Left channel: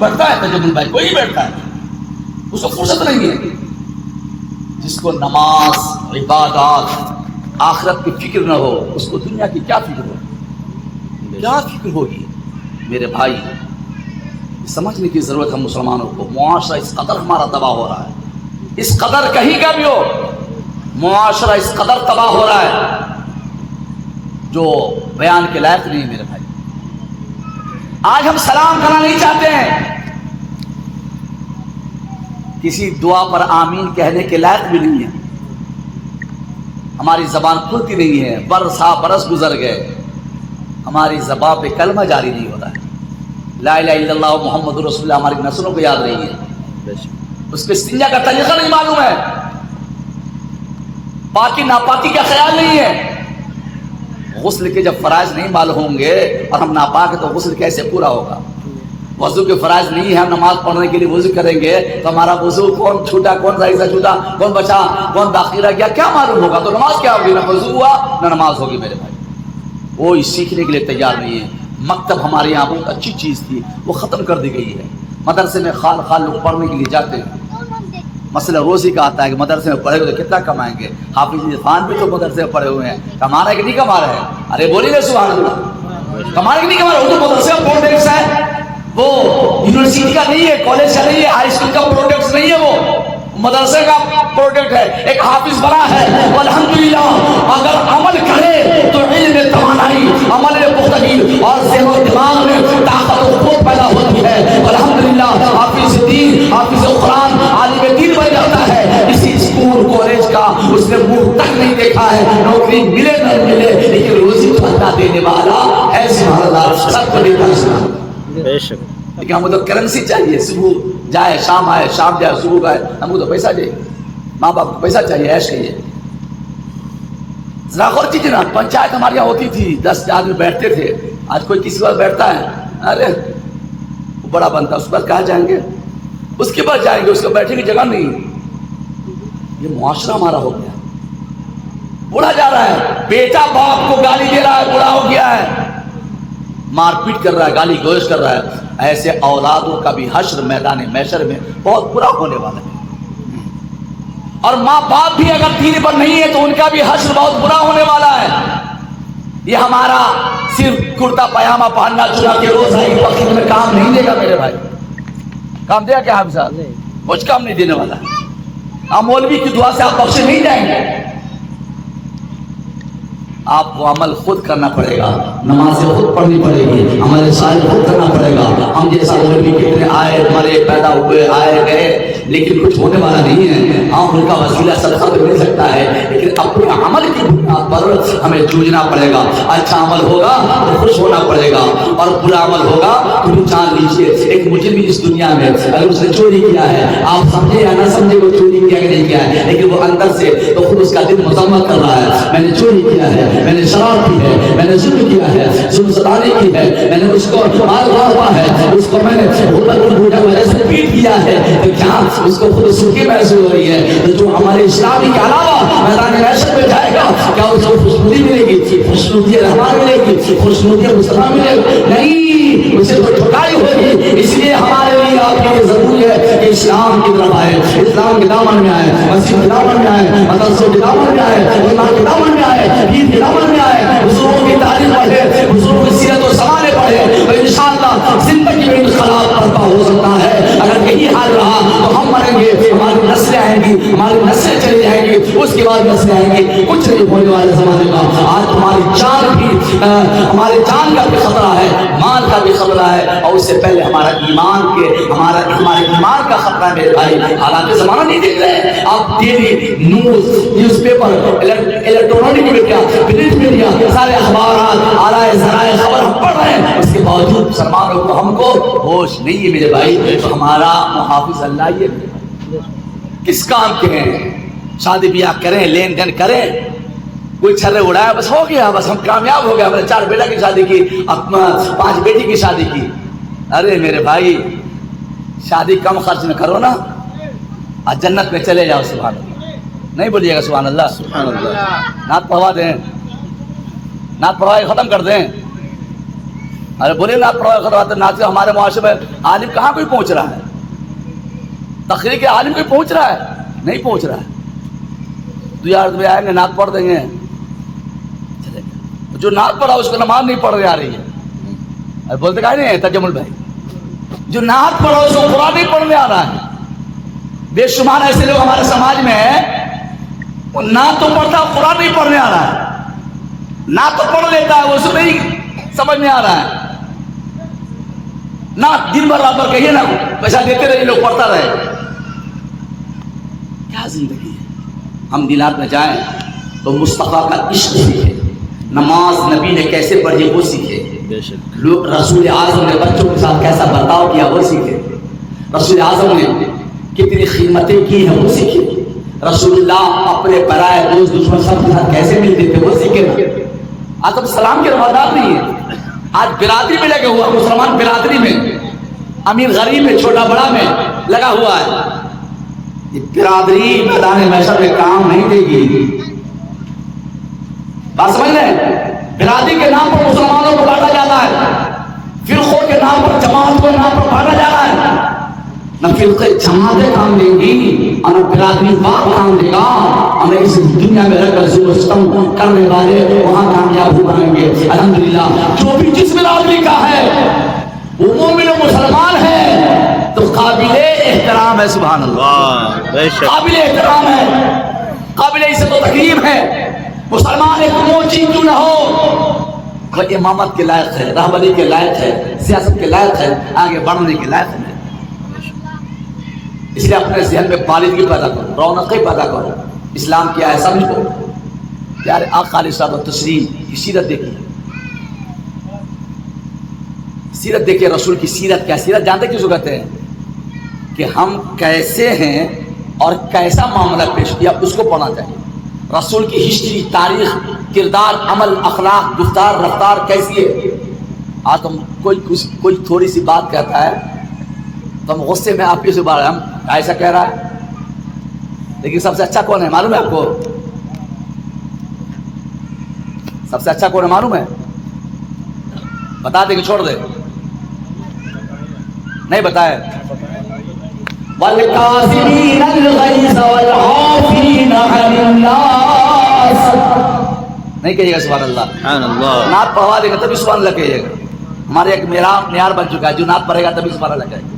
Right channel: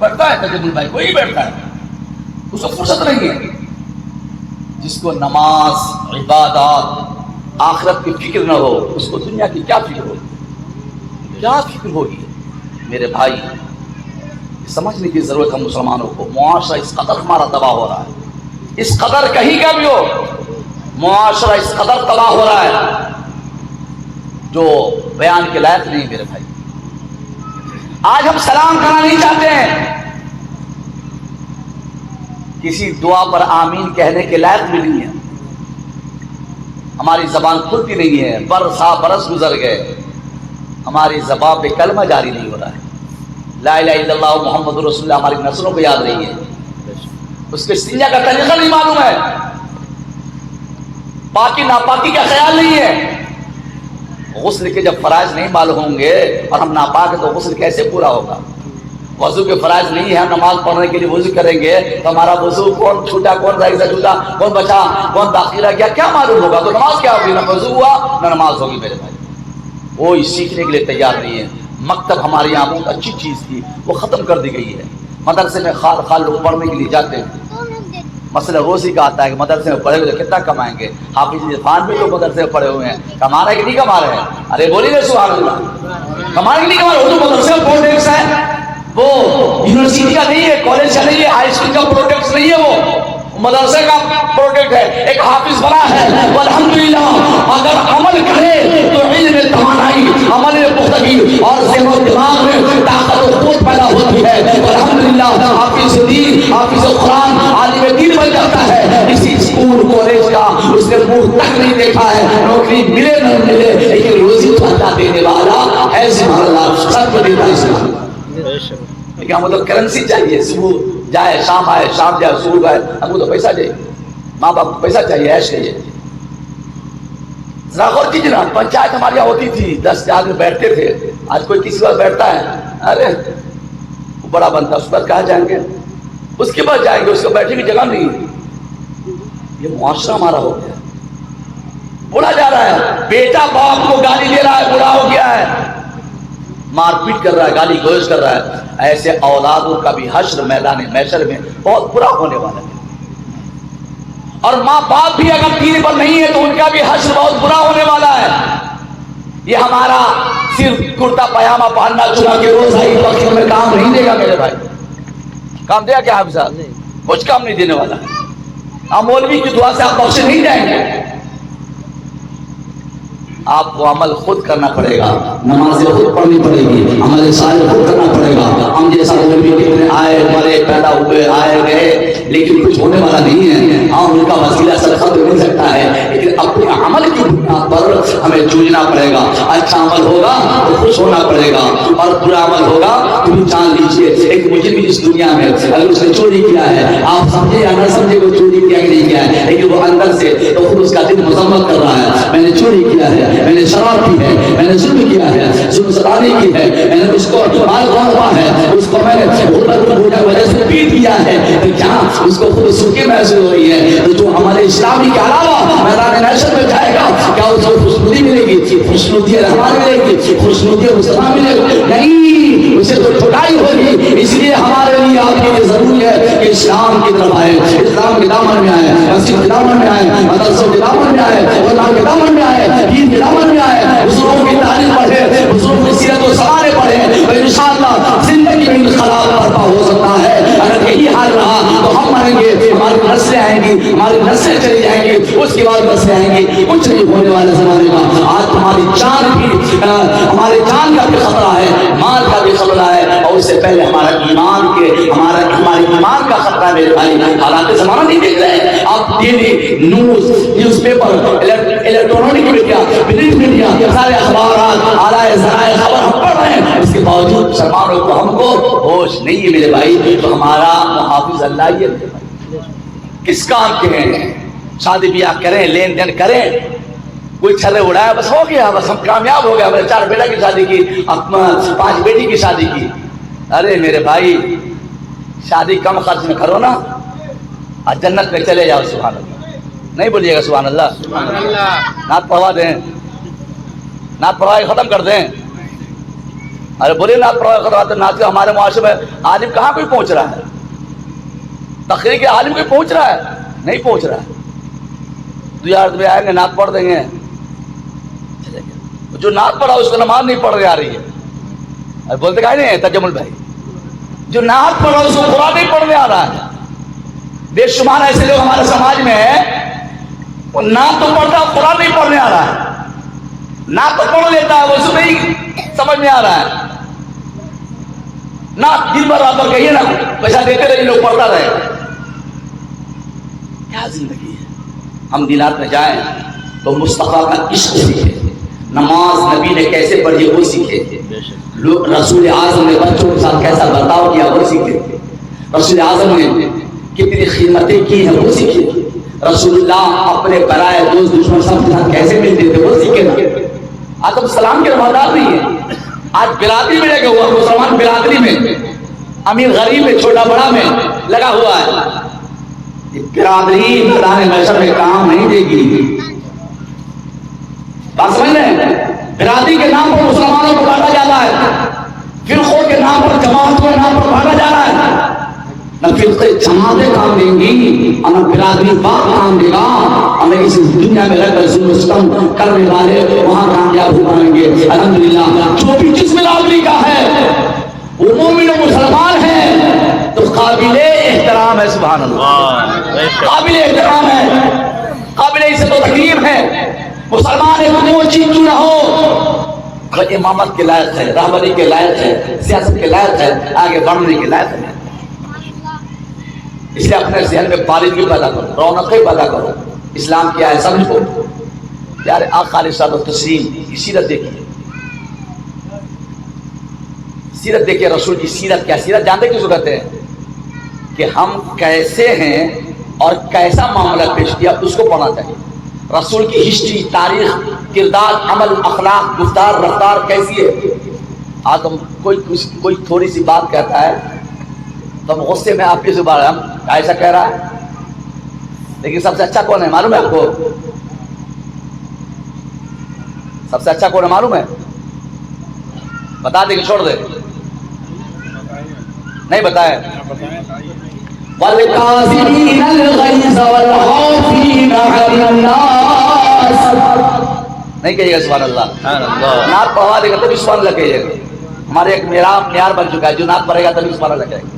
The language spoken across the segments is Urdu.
بیٹھتا ہے تجمل بھائی، کوئی بیٹھتا ہے، اس کو فرصت نہیں ہے. جس کو نماز، عبادات، آخرت کی فکر نہ ہو، اس کو دنیا کی کیا فکر ہوگی؟ کیا فکر ہوگی؟ میرے بھائی سمجھنے کی ضرورت ہے مسلمانوں کو. معاشرہ اس قدر ہمارا تباہ ہو رہا ہے، اس قدر کہیں کا بھی ہو، معاشرہ اس قدر تباہ ہو رہا ہے جو بیان کے لائق نہیں. میرے بھائی آج ہم سلام کرنا نہیں چاہتے ہیں، کسی دعا پر آمین کہنے کے لائق بھی نہیں ہے، ہماری زبان کھلتی نہیں ہے. برس گزر گئے، ہماری زبان پہ کلمہ جاری نہیں ہو رہا ہے. لا الہ الا اللہ محمد رسول اللہ ہماری نسلوں کو یاد رہی ہے، اس کے استنجا کا طریقہ نہیں معلوم ہے، پاکی ناپاکی کا خیال نہیں ہے. غسل کے جب فرائض نہیں معلوم ہوں گے اور ہم ناپاک ہیں تو غسل کیسے پورا ہوگا؟ وضو کے فرائض نہیں ہے، ہم نماز پڑھنے کے لیے وضو کریں گے تو ہمارا وضو کون چھوٹا، کون صحیح سے چھوٹا، کون بچا، کون باقی رہ گیا، کیا معلوم ہوگا؟ تو نماز کیا ہوگی؟ نہ وضو ہوا نہ نماز ہوگی. میرے بھائی کوئی سیکھنے کے لیے تیار نہیں ہے. مکتب ہمارے یہاں بہت اچھی چیز تھی، وہ ختم کر دی گئی ہے. مدرسے میں خال لوگ پڑھنے کے لیے جاتے ہیں. مسئلہ روزی کا آتا ہے کہ مدرسے میں پڑھے ہوئے تو کتنا کمائیں گے. حافظ عرفان بھی تو مدرسے میں پڑھے ہوئے ہیں، کما رہے کہ نہیں کما رہے ہیں؟ ارے بولیے سبحان اللہ. کما رہے کہ نہیں کما رہے؟ وہ تو مدرسے کا پروڈکٹس ہے، وہ یونیورسٹی کا نہیں ہے، کالج کا نہیں ہے، ہائی اسکول کا پروڈکٹس نہیں ہے، وہ مدرسے کا پروڈکٹ ہے. ایک حافظ بنا ہے والحمدللہ، اگر عمل کرے تو علم میں توانائی، عمل میں پختگی اور ذہن و دماغ میں طاقت و قوت پیدا ہوتی ہے. والحمدللہ حافظ دین، حافظ قرآن، عالم دین بن جاتا ہے. کسی اسکول کالج کا اس نے منہ تک نہیں دیکھا ہے، نوکری ملے نہ ملے لیکن روزی تو اللہ دینے والا ہے. سبحان اللہ، سب کو دیتا ہے. لیکن ہم کو تو کرنسی چاہیے، صبح جائے شام آئے، شام جائے صبح آئے. ہم کو تو پیسہ چاہیے، ماں باپ کو پیسہ چاہیے عیش کے لیے. ذرا غور کیجیے نا، پنچایت ہمارے یہاں ہوتی تھی، 10 آدمی بیٹھتے تھے. آج کوئی کسی بار بیٹھتا ہے؟ ارے وہ بڑا بنتا، اس پر کہاں جائیں گے، اس کے بعد جائیں گے، اس کو بیٹھنے کی جگہ نہیں. یہ معاشرہ ہمارا ہو گیا، بولا جا رہا ہے بیٹا باپ کو گالی دے رہا ہے، بڑا ہو گیا ہے، مار پیٹ کر رہا ہے، گالی گلوچ کر رہا ہے. ایسے اولادوں کا بھی حشر میدان محشر میں بہت برا ہونے والا ہے. اور ماں باپ بھی اگر دین پر نہیں ہے تو ان کا بھی حشر بہت برا ہونے والا ہے. یہ ہمارا صرف کرتا پاجامہ پہننا چنا کے روزائی وقت میں کام نہیں دے گا. میرے بھائی کام دیا کیا حافظ صاحب؟ کچھ کام نہیں دینے والا. ہم مولوی کی دعا سے آپ بخشے نہیں جائیں گے. آپ کو عمل خود کرنا پڑے گا، نمازیں خود پڑھنی پڑے گی، عمل صالح خود کرنا پڑے گا. ہم جیسا مولوی کتنے آئے مرے پیدا ہوئے آئے گئے لیکن کچھ ہونے والا نہیں ہے. ہم ان کا وسیلہ صدقہ تو مل سکتا ہے لیکن اپنے عمل کی بنیاد پر ہمیں جوجنا پڑے گا. اچھا عمل ہوگا تو خوش ہونا پڑے گا اور برا عمل ہوگا تو بھی جان لیجیے. ایک مجرم بھی اس دنیا میں اگر اس نے چوری کیا ہے، آپ سمجھے یا نہ سمجھے وہ چوری کیا کہ نہیں کیا ہے، لیکن وہ اندر سے تو خود اس کا دل مذمت کر رہا ہے، میں نے چوری کیا ہے، میں نے شراب کی ہے، میں نے ظلم کیا ہے، ظلم ستانے کی ہے، میں نے اس کو مال ہوا ہے، اس کو میں نے غربت کی وجہ سے پیٹ دیا ہے. تو کیا اس کو خود سوکھی محسوس ہو رہی ہے؟ تو جو ہمارے اسلامی کے علاوہ میدان محشر میں جائے گا کیا اس کو خوشنودی ملے گی؟ خوشنودی رحمان ملے گی؟ خوشنودی مسلمان ملے گی؟ نہیں، اسے تو ٹھکائی ہوگی. اس لیے ہمارے لیے آپ کے ضروری ہے کہ اسلام کی طرف آئے، اسلام کے دامن میں آئے، مسجد کے دامن میں آئے، مدرسوں کے دامن میں آئے، علماء کے دامن میں آئے، دین کے دامن میں آئے، بزرگوں کی تعلیم پڑھے، بزرگوں کی سیرت و سوالے پڑھے تو انشاءاللہ زندگی میں انقلاب برپا ہو سکتا ہے. اگر یہی حال رہا تو ہم مریں گے، ہماری نسلیں آئیں گی، ہماری نسلیں چلی جائیں گی، اس کے بعد نسلیں آئیں گی، کچھ نہیں ہونے والے زمانے کا. آج ہماری جان بھی، ہمارے جان کا بھی خطرہ ہے، مال کا بھی خطرہ ہے اور اس سے پہلے ہمارا ایمان کے ہمارے ایمان کا خطرہ ہے. میرے بھائی حالانکہ زمانہ نہیں دیکھ رہے آپ، T V news paper, electronic media, print media, سارے اخبارات، اعلی ذرائع خبر ہم پڑھ رہے ہیں، اس کے باوجود مسلمانوں کو ہم کو ہوش نہیں ہے. میرے بھائی تو ہمارا محافظ اللہ ہی ہے. میرے بھائی کس کام کے ہیں؟ شادی بیاہ کریں، لین دین کریں، کوئی چھرے اڑایا بس ہو گیا، بس ہم کامیاب ہو گیا، ہم نے 4 بیٹا کی شادی کی، 5 بیٹی کی شادی کی. ارے میرے بھائی شادی کم خرچ میں کرو نا اور جنت میں چلے جاؤ. سبحان اللہ نہیں بولیے گا؟ سبحان اللہ. سبحان اللہ. نعت پڑھوا دیں، نعت پڑھوا کے ختم کر دیں. ارے بولے نعت پڑھا کرواتے نعت کا ہمارے معاشرے میں عالم کہاں کوئی پہنچ رہا ہے؟ تقریر کے عالم کوئی پہنچ رہا ہے؟ نہیں پہنچ رہا ہے. 2 آدمی آئیں گے نعت پڑھ دیں گے چلے گئے. جو نعت پڑھا اس کو نماز نہیں پڑھ آ رہی ہے. ارے بولتے کہ نہیں تجمل بھائی جو نعت پڑھا اس کو قرآن نہیں پڑھنے آ رہا ہے. بے شمار ایسے لوگ ہمارے سماج میں ہیں وہ نعت تو پڑھتا ہے قرآن نہیں پڑھنے آ رہا ہے. نعت تو پڑھ لیتا ہے وہ اس میں نہیں سمجھ میں آ رہا ہے. نعت دن بھر رات بھر کہیے نا پیسہ دیتے رہے لوگ پڑھتا رہے. کیا زندگی ہے؟ ہم دلات میں جائیں تو مصطفیٰ کا عشق سیکھے. نماز نبی نے کیسے پڑھی وہ سیکھے. رسول اعظم نے بچوں کے ساتھ کیسا برتاؤ کیا وہ سیکھے. رسول اعظم نے کتنی خدمتیں کی ہیں وہ سیکھے. رسول اللہ اپنے برائے دوست دشمن سب کے ساتھ کیسے ملتے تھے وہ سیکھے. آج ہم سلام کے روادار نہیں ہیں. آج برادری میں لگا ہوا مسلمان برادری میں امیر غریب میں چھوٹا بڑا میں لگا ہوا ہے. یہ برادری میدان محشر میں کام نہیں دے گی. بات سمجھ رہے ہیں؟ برادری کے نام پر مسلمانوں کو بانٹا جاتا ہے. فرقوں کے نام پر جماعتوں کے نام پر بانٹا جا رہا ہے. نہ فرقے جماعتیں کام دیں گی اور نہ برادری بات کام دے گا اور نہ اس دنیا میں رہ کر ظلم ستم کرنے والے وہاں کامیاب ہو پائیں گے. الحمدللہ جو بھی جس برادری کا ہے وہ مومن و مسلمان ہے تو قابل احترام ہے. سبحان اللہ قابل احترام ہے قابل عزت و تکریم ہے. مسلمان ایک موچی کیوں نہ ہو وہ امامت کے لائق ہے رہبری کے لائق ہے سیاست کے لائق ہے آگے بڑھنے کے لائق ہے. اس لیے اپنے ذہن میں بالغی پیدا کرو رونقیں پیدا کرو. اسلام کیا ہے سمجھو. پیارے آقا علیہ الصلوۃ والتسلیم کی سیرت دیکھیں. سیرت دیکھیں رسول کی سیرت. کیا سیرت جانتے کس کو کہتے ہیں؟ کہ ہم کیسے ہیں اور کیسا معاملہ پیش کیا اس کو پڑھنا چاہیے. رسول کی ہسٹری تاریخ کردار عمل اخلاق گفتار رفتار کیسی ہے. آج ہم کوئی تھوڑی سی بات کہتا ہے تو ہم غصے میں آپ کی زبان ہم ایسا کہہ رہا ہے. لیکن سب سے اچھا کون ہے معلوم ہے آپ کو؟ سب سے اچھا کون ہے معلوم ہے؟ بتا دے کہ چھوڑ دے؟ نہیں بتائے. وَالْكَاظِمِينَ الْغَيْظَ وَالْعَافِينَ عَنِ النَّاسِ نہیں کہیے گا سبحان اللہ. نعت پڑھوا دے گا تبھی سبحان اللہ کہیے گا. ہمارے ایک معیار بن چکا ہے جو نعت پڑھے گا تبھی سبحان اللہ کہے گا.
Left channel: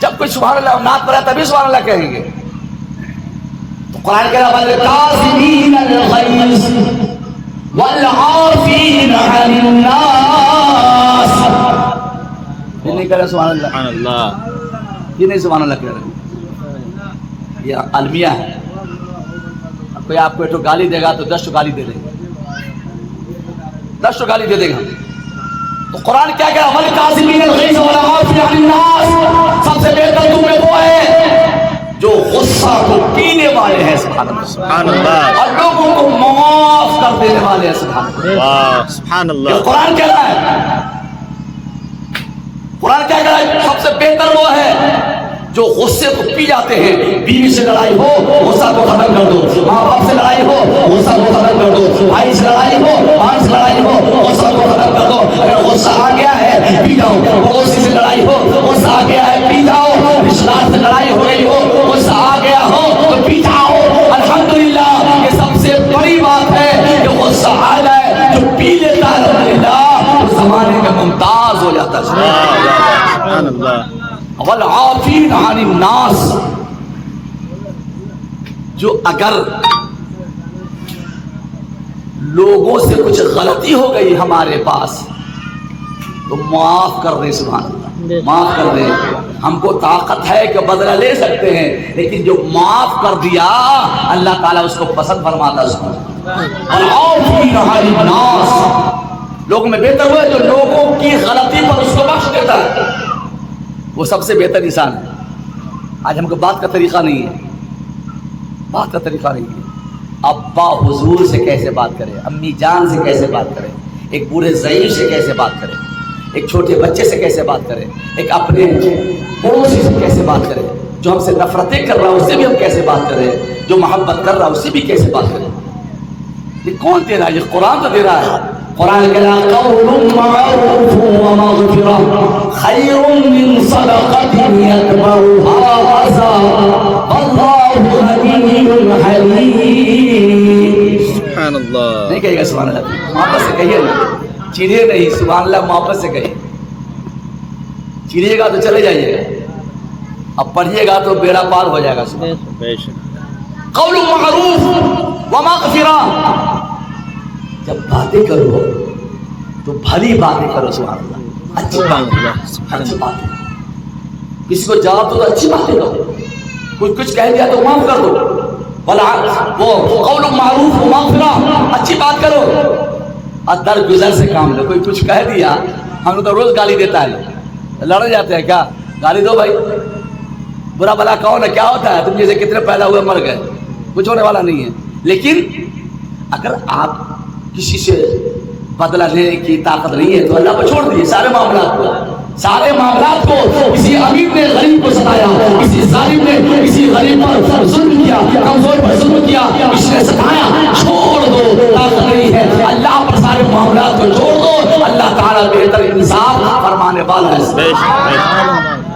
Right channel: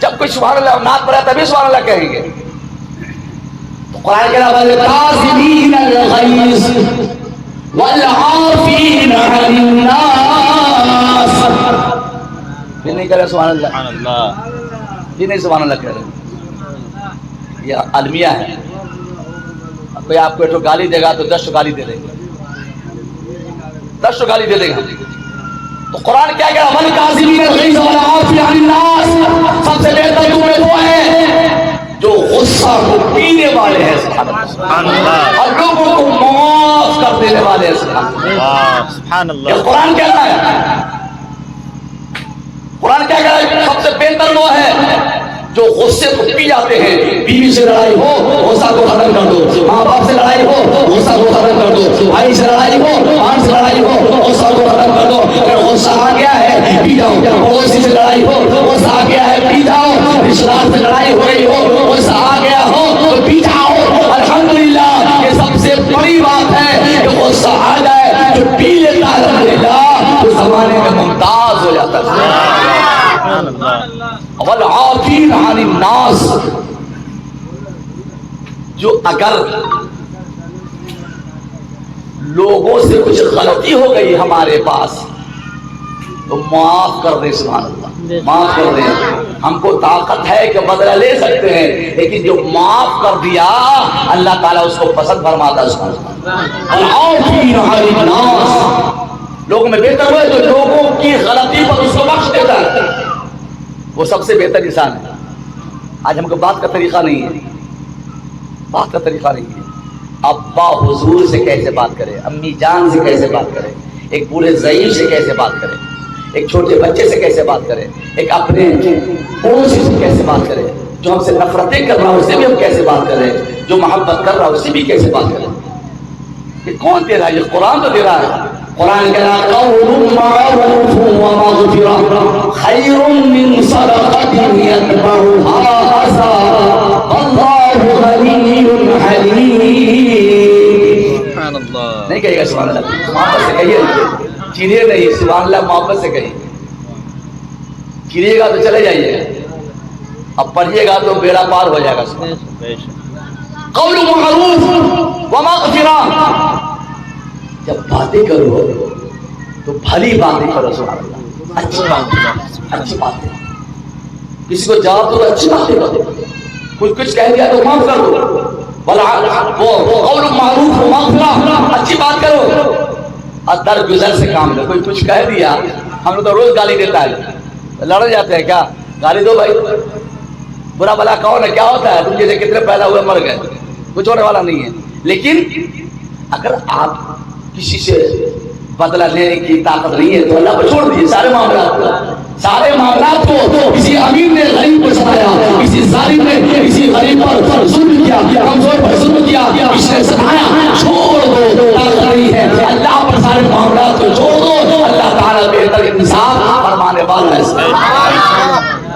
جب کوئی سبحان اللہ نعت پڑھے تبھی سبحان اللہ کہیں گے. تو قرآن کہہ رہا ہے الکاظمین الغیظ والعافین عن الناس. یہ نہیں کہہ رہے سبحان اللہ. یہ نہیں سبحان اللہ کہہ رہے. یہ المیہ ہے. اب کوئی آپ کو ایک گالی دے گا تو 10 گالی دے دیں گے. 10 گالی دے دیں گے ہم. تو قرآن کیا کہہ رہا ہے والکاظمین الغیظ والعافین عن الناس. سب سے بہتر تم میں وہ ہے جو غصہ کو پینے والے ہیں سبحان اللہ اور لوگوں کو معاف کر دینے والے ہیں سبحان اللہ. یہ قرآن کہتا ہے. قرآن کیا کہہ رہا ہے سب سے بہتر وہ ہے جو غصے کو پی جاتے ہیں. بیوی سے لڑائی ہو غصہ کو ختم کر دو. ماں باپ سے لڑائی ہو غصہ کو ختم کر دو. بھائی سے لڑائی ہو بہن سے لڑائی ہو غصہ کو ختم کر دو. اگر غصہ آ گیا ہے پی جاؤ. پڑوسی سے لڑائی ہو غصہ آ گیا ہے پی جاؤ. رشتے دار سے لڑائی ہو رہی ہو غصہ آ گیا ہو تو پی جاؤ. الحمدللہ یہ سب سے بڑی بات ہے کہ غصہ آ جائے جو پی لیتا ہے الحمدللہ تو زمانے میں ممتاز ہو جاتا ہے. والعافین عن الناس جو اگر لوگوں سے کچھ غلطی ہو گئی ہمارے پاس تو معاف کر دیں سبحان اللہ. معاف کر دیں. ہم کو طاقت ہے کہ بدلہ لے سکتے ہیں لیکن جو معاف کر دیا اللہ تعالیٰ اس کو پسند فرماتا ہے سبحان اللہ. والعافین عن الناس لوگوں میں بہتر ہوئے جو لوگوں کی غلطی پر اس کو بخش دیتا ہے وہ سب سے بہتر انسان ہے. آج ہم کو بات کا طریقہ نہیں ہے. بات کا طریقہ نہیں ہے. ابا حضور سے کیسے بات کرے امی جان سے کیسے بات کرے ایک بوڑھے ضعیف سے کیسے بات کرے ایک چھوٹے بچے سے کیسے بات کرے ایک اپنے پڑوسی سے کیسے بات کرے جو ہم سے نفرتیں کر رہا ہے اس سے بھی ہم کیسے بات کریں جو محبت کر رہا ہے اس سے بھی کیسے بات کریں. یہ کون دے رہا ہے؟ یہ قرآن تو دے رہا ہے. قرآن کہنا قول معروف ومغفرہ خیر من صدقۃ یتبعها اذى واللہ غنی حلیم. سبحان اللہ. نہیں کہے گا سبحان اللہ؟ محبت سے کہیے, چیریے نہیں, سبحان اللہ محبت سے کہیے. چیریے گا تو چلے جائیے گا, اب پڑھیے گا تو بیڑا پار ہو جائے گا. قول معروف ومغفرہ, جب باتیں کرو تو بھلی باتیں کرو. سبحان اللہ, اچھی باتیں, اچھی باتیں. کسی کو جواب دو تو اچھی باتیں کرو, کچھ کہہ دیا تو معاف کر دو. وہ قول معروف ومغفرہ, اچھی بات کرو اور درگزر سے کام لو. کوئی کچھ کہہ دیا, ہم لوگ تو روز گالی دیتا ہے, لڑ جاتے ہیں کیا, گالی دو بھائی, برا بلا کون ہے, کیا ہوتا ہے, تم جیسے کتنے پیدا ہوئے مر گئے, کچھ ہونے والا نہیں ہے. لیکن اگر آپ کسی سے بدلہ لینے کی طاقت نہیں ہے تو اللہ کو چھوڑ دیجیے سارے معاملات کو. سارے معاملات کو, کسی امیر نے غریب کو ستایا, کسی ظالم نے کسی غریب پر ظلم کیا, کمزور پر ظلم کیا, اس نے ستایا, چھوڑ دو, طاقت نہیں ہے, اللہ پر سارے معاملات کو چھوڑ دو. اللہ تعالیٰ بہتر انصاف فرمانے والا ہے.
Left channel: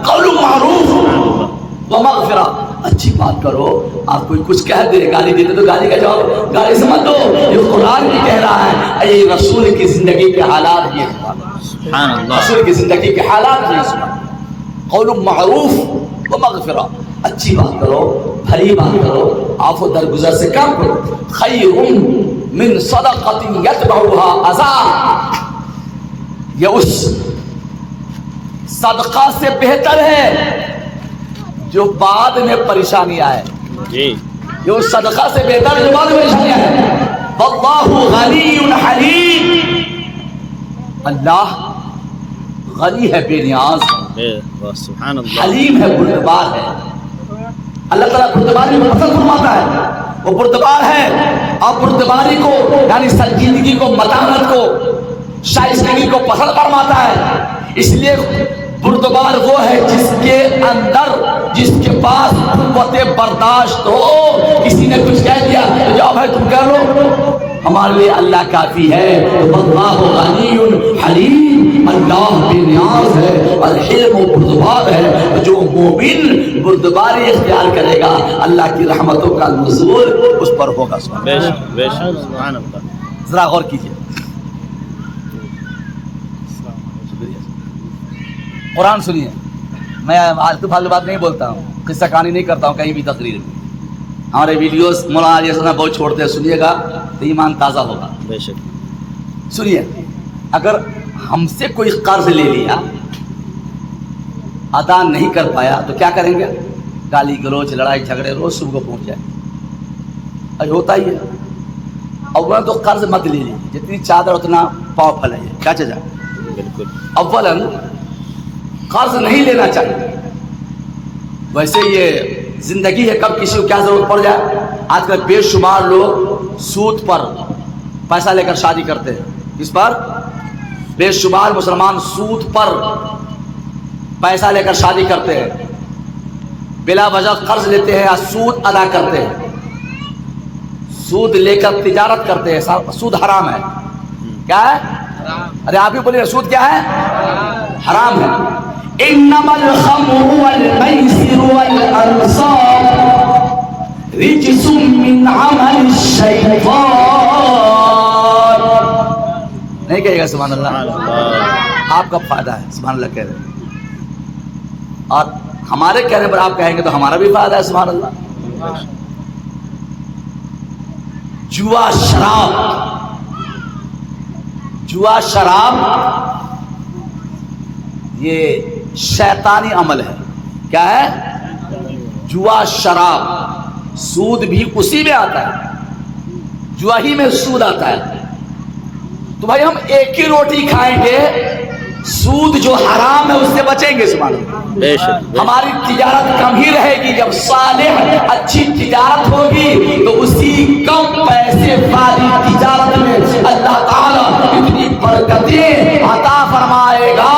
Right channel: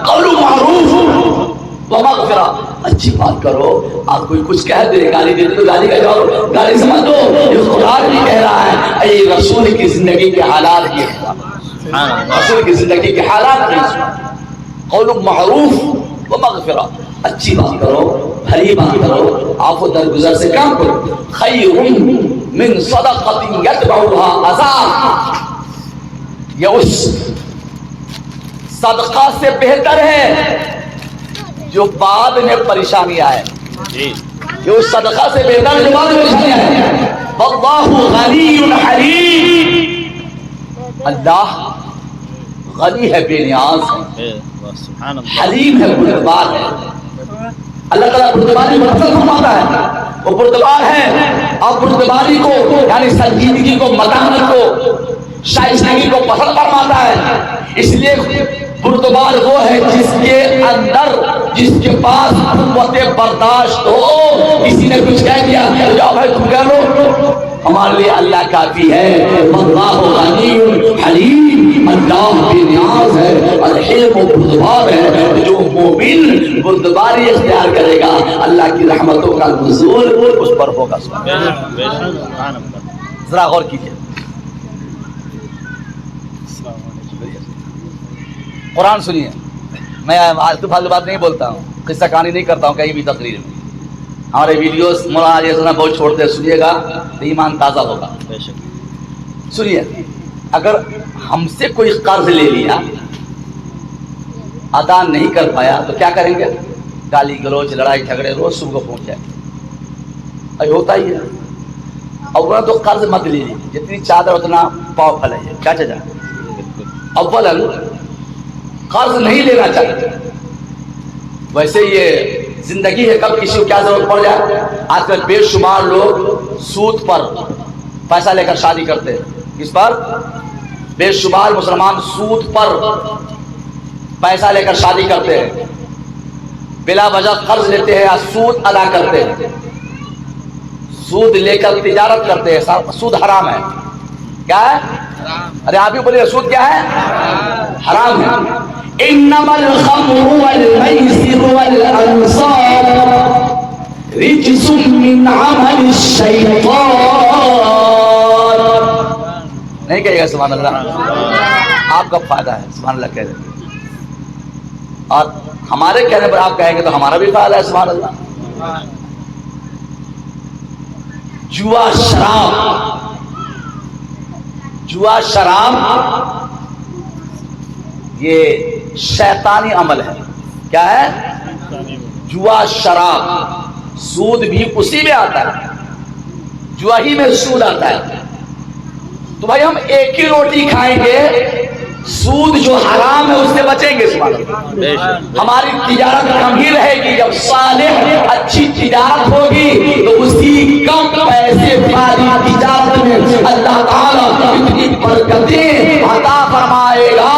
قول معروف ومغفرہ, اچھی بات کرو. آپ کوئی کچھ کہہ دے, گالی دے دے تو گالی کا جواب گالی سمجھ دو. یہ قرآن بھی کہہ رہا ہے, اے رسول کی زندگی کے حالات یہ, رسول کی زندگی کے حالات یہ. قول معروف ومغفرہ, اچھی بات کرو, بھلی بات کرو, عفو درگزر سے کام کرو. خیر من صدقۃ یتبعها اذى, یہ اس صدقہ سے بہتر ہے جو بعد میں پریشانی آئے. یہ اس صدقہ سے بہتر جو بعد میں پریشانی آئے. واللہ غنی حلیم, اللہ غنی ہے, بے نیاز, حلیم ہے, بردبار ہے. اللہ تعالیٰ بردباری کو پسند فرماتا ہے, وہ بردبار ہے. اور بردباری کو یعنی سنجیدگی کو, متانت کو, شائستگی کو پسند فرماتا ہے. اس لیے بردبار وہ ہے جس کے اندر, جس کے پاس قوت برداشت ہو. کسی نے کچھ کہہ دیا تو جاؤ بھائی تم کہہ لو, ہمارے لیے اللہ کافی ہے. واللہ غنی حلیم, اللہ بے نیاز ہے اور حلیم و بردبار ہے. جو مومن بردباری اختیار کرے گا اللہ کی رحمتوں کا نزول اس پر ہوگا. ذرا غور کیجیے, قرآن سنیے. میں آلتو فالتو بات نہیں بولتا ہوں, قصہ کہانی نہیں کرتا ہوں کہیں بھی تقریر میں. ہمارے ویڈیوز مولانا جیسا بہت چھوڑتے ہیں, سنیے گا تو ایمان تازہ ہوگا. سنیے, اگر ہم سے کوئی قرض لے لیا, ادا نہیں کر پایا تو کیا کریں گے؟ گالی گلوچ, لڑائی جھگڑے روز صبح کو پہنچ جائے. ابھی ہوتا ہی ہے. اولا تو قرض مت لیجیے, جتنی چادر اتنا پاؤ پھیلائیے. کیا چاہیے؟ اولا قرض نہیں لینا چاہیے. ویسے یہ زندگی ہے, کب کسی کو کیا ضرورت پڑ جائے. آج کل بے شمار لوگ سود پر پیسہ لے کر شادی کرتے ہیں. کس پر؟ بے شمار مسلمان سود پر پیسہ لے کر شادی کرتے ہیں, بلا وجہ قرض لیتے ہیں یا سود ادا کرتے ہیں. سود لے کر تجارت کرتے ہیں. سود حرام ہے. کیا ہے؟ ارے آپ ہی بولیے, سود کیا ہے؟ حرام ہے. انما الخمر والمیسر والانصاب رجس من عمل الشیطان. نہیں کہے گا سبحان اللہ؟ آپ کا فائدہ ہے, سبحان اللہ کہہ رہے ہیں. اور ہمارے کہنے پر آپ کہیں گے تو ہمارا بھی فائدہ ہے, سبحان اللہ. جوا شراب, جوا شراب یہ شیطانی عمل ہے. کیا ہے؟ جوا شراب. سود بھی اسی میں آتا ہے, جوا ہی میں سود آتا ہے. تو بھائی ہم ایک ہی روٹی کھائیں گے, سود جو حرام ہے اس سے بچیں گے. سبحان اللہ. ہماری تجارت کم ہی رہے گی. جب صالح اچھی تجارت ہوگی تو اسی کم پیسے والی تجارت میں اللہ تعالیٰ اتنی برکتیں عطا فرمائے گا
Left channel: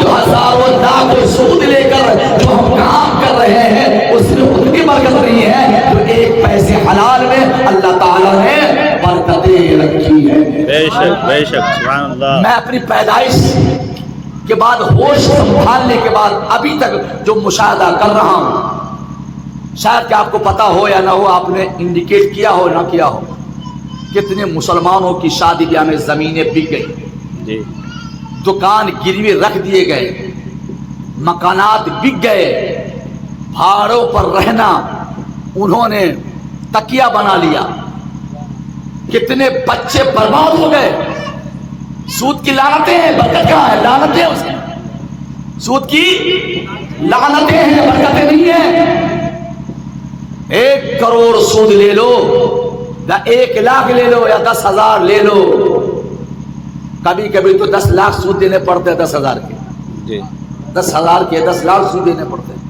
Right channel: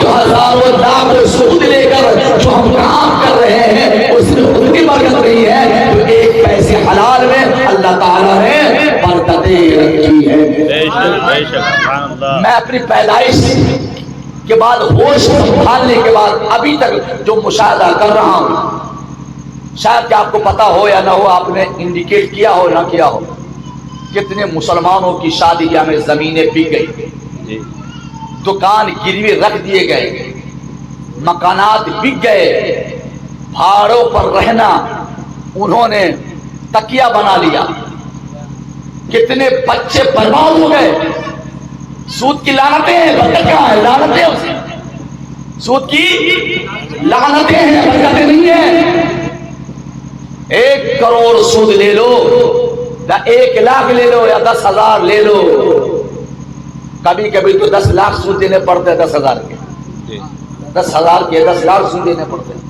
جو ہزاروں لاکھ سود لے کر جو ہم کام کر رہے ہیں اس میں اتنی برکت نہیں ہے جو ایک پیسے حلال میں اللہ تعالیٰ نے برکتیں رکھی ہے. بے شک سبحان اللہ. میں اپنی پیدائش کے بعد ہوش سنبھالنے کے بعد ابھی تک جو مشاہدہ کر رہا ہوں، شاید کہ آپ کو پتا ہو یا نہ ہو، آپ نے انڈیکیٹ کیا ہو نہ کیا ہو، کتنے مسلمانوں کی شادی بیاہ میں زمینیں بک گئی، جی دکان گروی رکھ دیے گئے، مکانات بک گئے، بھاڑوں پر رہنا انہوں نے تکیہ بنا لیا، کتنے بچے برباد ہو گئے. سود کی لعنتیں ہیں، برکت کہاں ہے؟ لعنتیں اس کی، سود کی لعنتیں ہیں، برکتیں نہیں ہیں. 1 کروڑ سود لے لو یا 1 لاکھ لے لو یا 10,000 لے لو، کبھی کبھی تو 10 لاکھ سود دینے پڑتے ہیں، 10,000 کے، جی 10,000 کے 10 لاکھ سود دینے پڑتے ہیں.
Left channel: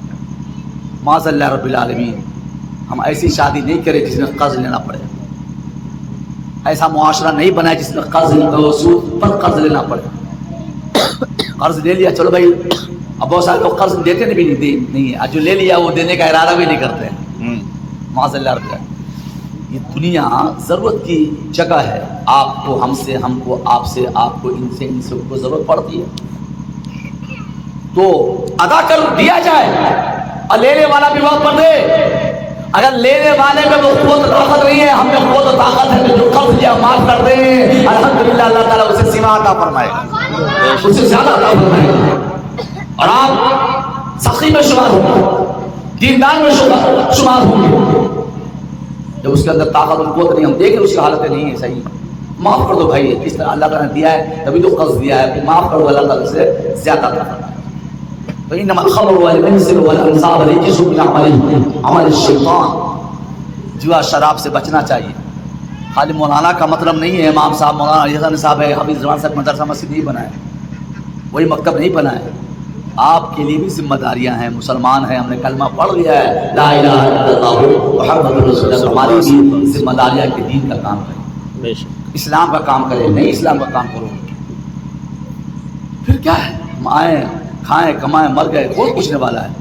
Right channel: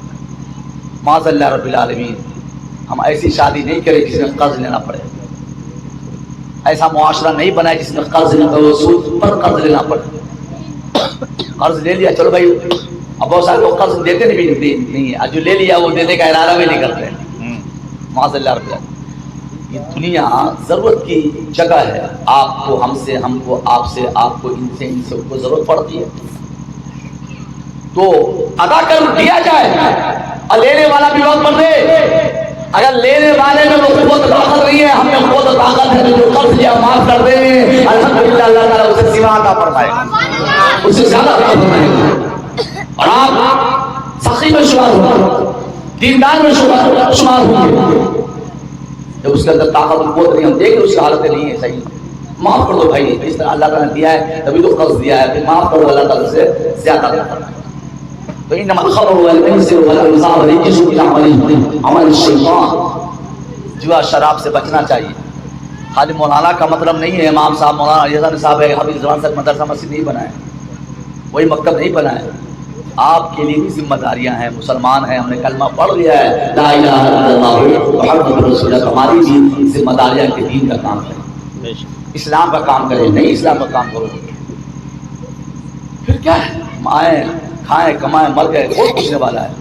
معاذ اللہ رب العالمین، ہم ایسی شادی نہیں کریں جس میں قرض لینا پڑے، ایسا معاشرہ نہیں بنائے جس میں قرض سود پر قرض لینا پڑے. قرض لے لیا چلو بھائی، اب بہت سارے لوگ قرض دیتے نہیں ہیں، جو لے لیا وہ دینے کا ارادہ بھی نہیں کرتے ہیں. معاذ اللہ رب العالمین، یہ دنیا ضرورت کی جگہ ہے. آپ کو، ہم سے، ہم کو آپ سے، آپ کو ان سے ان کو ضرورت پڑتی ہے تو ادا کر دیا جائے، اور لینے والا بھی وقت پر دے. اگر لینے والے میں وہ قوت طاقت نہیں ہے، ہم میں قوت و طاقت ہے، جو قرض لیا معاف کر دیں، الحمدللہ اللہ تعالیٰ اسے سوا عطا فرمائے گا، اسے زیادہ عطا فرمائے گا، اور آپ سخی میں شمار ہوں گے، دیندار میں شمار ہوں گے. جب اس کے اندر طاقت و قوت نہیں، ہم دیکھیں اس کی حالتیں نہیں ہے صحیح، معاف کر دو بھائی، اس طرح اللہ تعالیٰ نے دیا ہے تبھی تو قرض دیا ہے، پھر معاف کر دو، اللہ تعالیٰ سے زیادہ عطا فرمائے گا. تو انما الخمر والمیسر والانصاب رجس من عمل الشیطان. جوا شراب سے بچنا چاہیے. خالی مولانا کا مطلب نہیں ہے، امام صاحب مولانا علی حسن صاحب ہے، حافظ زمان صاحب مدرسہ مسجد نہیں بنائے، وہی مکتب نہیں بنائے. آپ کے لیے بھی ذمہ داریاں ہیں، مسلمان ہیں، ہم نے کلمہ پڑھ لیا ہے لا الہ الا اللہ محمد رسول اللہ، ہماری بھی ذمہ داریاں کہ دین کا کام کریں، اسلام کا کام کریں، نہیں اسلام کا کام کرو پھر کیا ہے؟ ہم آئیں کھائیں کمائیں مر گئے، کوئی پوچھنے والا ہے.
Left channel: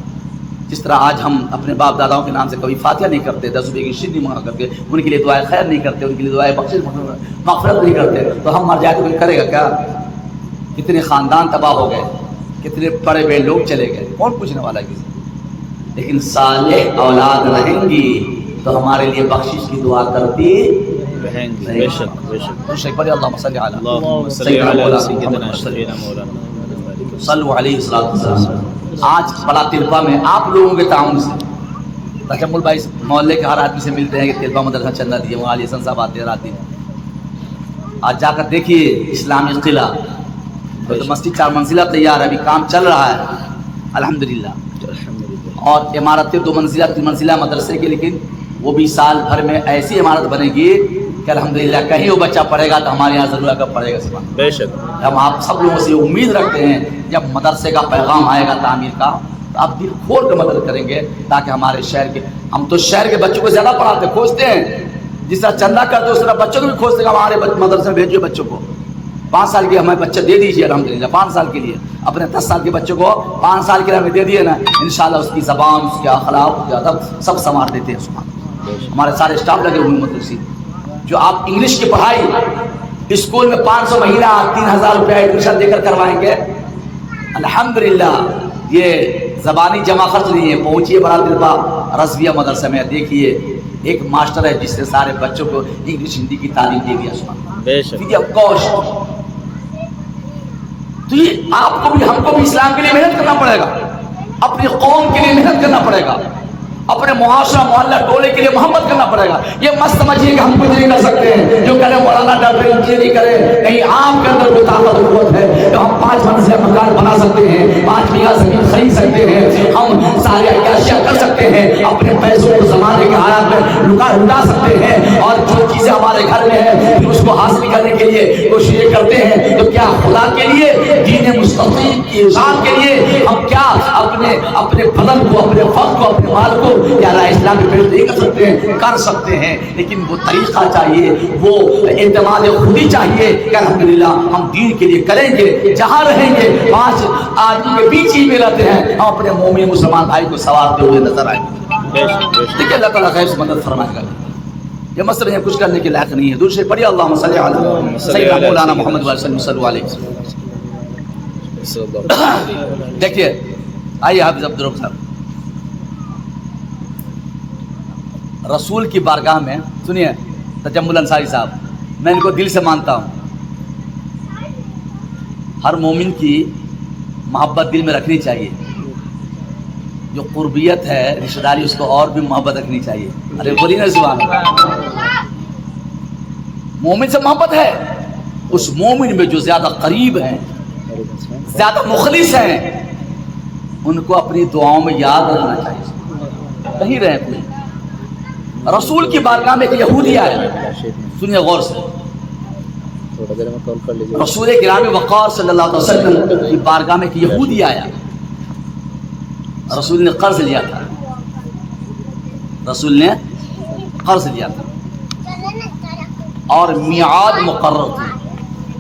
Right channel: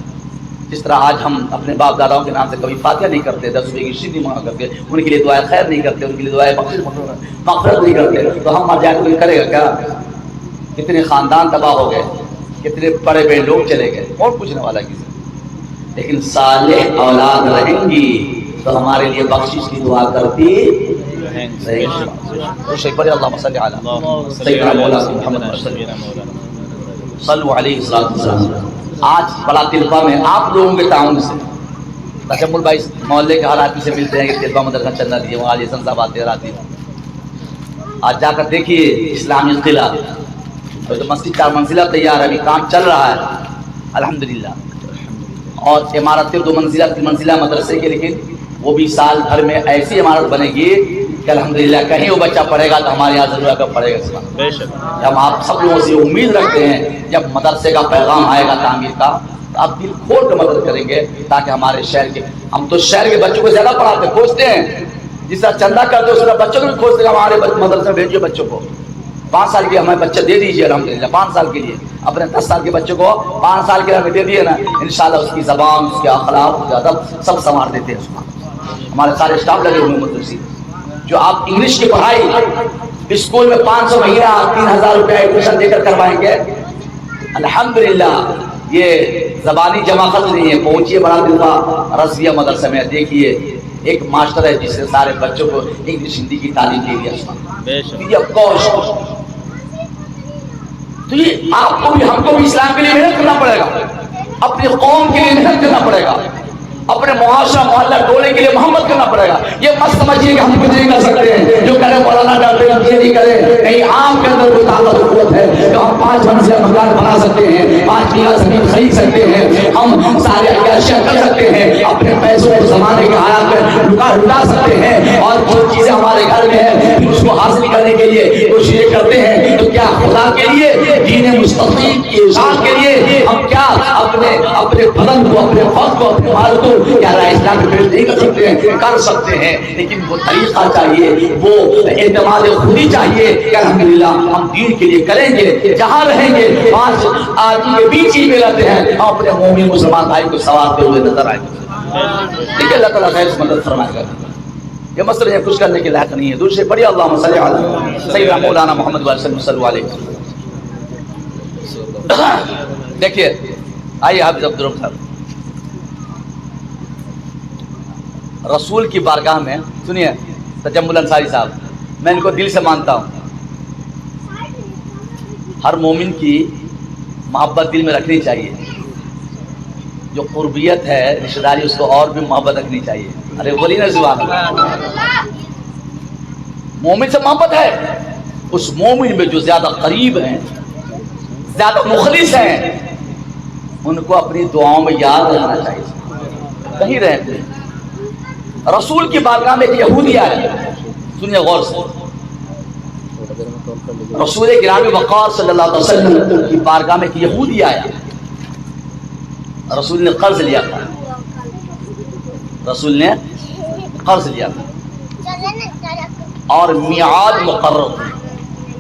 جس طرح آج ہم اپنے باپ داداؤں کے نام سے کبھی فاتحہ نہیں کرتے، 10 روپے کی شیرنی منگا کرتے، ان کے لیے دعائیں خیر نہیں کرتے، ان کے لیے دعائیں بخشش مغفرت نہیں کرتے، تو ہم مر جائے تو کوئی کرے گا کیا؟ کتنے خاندان تباہ ہو گئے، کتنے بڑے بڑے لوگ چلے گئے، کون پوچھنے والا کسی. لیکن صالح اولاد رہیں گی تو ہمارے لیے بخشش کی دعا کرتی رہیں گی. اللہم صلی علی صلو علیہ السلام. آج بڑا تلپا میں آپ لوگوں کے تعاون سے تجمل بھائی محلے کے ہر آدمی سے ملتے ہیں کہ تلپا مدرسہ چل رہا دیے، وہاں علی حسن صاحب آتے رہتے ہیں. آج جا کر دیکھیے اسلامی قلعہ، تو مسجد 4 منزلہ تیار ہے، ابھی کام چل رہا ہے الحمدللہ، اور عمارتیں 2 منزلہ 3 منزلہ مدرسے کے، لیکن وہ بھی سال بھر میں ایسی عمارت بنے گی کہ الحمدللہ کہیں وہ بچہ پڑھے گا تو ہمارے یہاں ضرور آ کر پڑھے گا. بے شک ہم آپ سب لوگوں سے امید رکھتے ہیں جب مدرسے کا پیغام آئے گا تعمیر کا تو آپ دل کھول کر مدد کریں گے، تاکہ ہمارے شہر کے، ہم تو شہر کے بچوں کو زیادہ پڑھاتے کھوجتے ہیں، جس طرح چندہ کرتے اس طرح بچوں کو بھی کھوجتے ہیں. ہمارے مدرسے میں بھیجیے بچوں کو، 5 سال کے ہمیں بچے دے دیجیے الحمدللہ، 5 سال کے لیے اپنے 10 سال کے بچوں کو 5 سال کے لیے ہمیں دے دیے نا، انشاءاللہ اس کی زبان، اس کے اخلاق، اس کے ادب سب سنوار دیتے ہیں. ہمارے سارے اسٹاف لگے ہوئے مدرسے، جو آپ انگلش کی پڑھائی اسکول میں 500 مہینہ 3000 روپے ایڈمیشن دے کر کروائیں گے الحمدللہ. یہ زبانی جمع خرچ نہیں ہے. پہنچیے بڑا دلوا رضویہ مدرسہ میں، دیکھیے ایک ماسٹر ہے جس سے سارے بچوں کو انگلش ہندی کی تعلیم دے دیا. تو یہ آپ کو بھی ہم کو بھی اسلام کے لیے محنت کرنا پڑے گا، اپنی قوم کے لیے محنت کرنا پڑے گا، اپنے معاشرہ محلہ ٹولے کے لیے محبت کرنا پڑے گا. یہ مت سمجھیے کہ ہم کچھ نہیں کر سکتے ہیں، جو کرے مولانا ڈاکٹر انجینئرنگ کرے، کہیں عام کے اندر کوئی طاقت و قوت ہے تو ہم 5 منزلہ مکان بنا سکتے ہیں، 5 بیگھہ زمین خرید سکتے ہیں، ہم ساری عیاشیاں کر سکتے ہیں، اپنے پیسوں کو زمانے کے حالات میں لٹا سکتے ہیں، اور جو چیزیں ہمارے گھر میں ہیں پھر اس کو حاصل کرنے کے لیے کوششیں کرتے ہیں. تو کیا خدا کے لیے، دین مستقیم کی ارشاد کے لیے ہم کیا اپنے بدن کو، اپنے وقت کو، اپنے مال کو کیا اسلام میں پیش نہیں کر سکتے ہیں؟ کر سکتے ہیں، لیکن وہ طریقہ چاہیے، وہ اعتماد خودی چاہیے کہ الحمدللہ ہم دین کے لیے کریں گے. جہاں رہیں گے 5 آدمی کے بیچ ہی میں رہتے ہیں، ہم اپنے مومن مسلمان بھائی کو سوارتے ہوئے نظر آئیں گے. ٹھیک ہے، اللہ تعالیٰ خیر سے مدد فرمائے گا. یہ مسئلہ کچھ کرنے کے لائق نہیں ہے. دور سے پڑھیے اللہم صلی علی سیدنا مولانا محمد صلی اللہ علیہ وسلم. دیکھیے آئیے حافظ عبدالرب صاحب، رسول کی بارگاہ میں سنیے تجمل انصاری صاحب، میں ان کو دل سے مانتا ہوں. ہر مومن کی محبت دل میں رکھنی چاہیے. جو قربیت ہے رشتہ داری اس کو اور بھی محبت رکھنی چاہیے. ارے بولیے نا سبحان اللہ. مومن سے محبت ہے، اس مومن میں جو زیادہ قریب ہیں، زیادہ مخلص ہیں، ان کو اپنی دعاؤں میں یاد رکھنا چاہیے کہیں رہتے. رسول کی بارگاہ میں ایک یہودی آئے، سنیے غور سے. رسول گرامی وقار صلی اللہ علیہ وسلم کی بارگاہ میں ایک یہودی آیا. رسول نے قرض لیا تھا، رسول نے قرض لیا تھا اور میعاد مقرر تھی،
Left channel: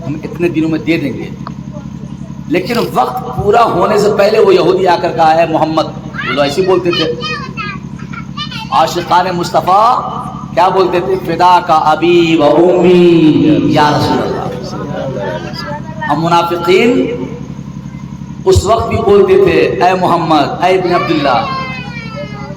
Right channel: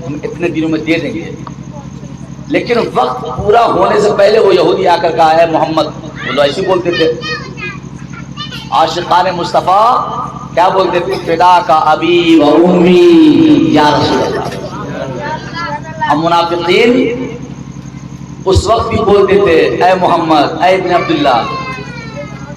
ہم اتنے دنوں میں دے دیں گے. لیکن وقت پورا ہونے سے پہلے وہ یہودی آ کر کہا ہے محمد، وہ لوگ ایسے بولتے تھے. عاشقان مصطفیٰ کیا بولتے تھے؟ فدا کا ابی و امی یا رسول اللہ. ہم منافقین اس وقت بھی بولتے تھے اے محمد، اے ابن عبداللہ.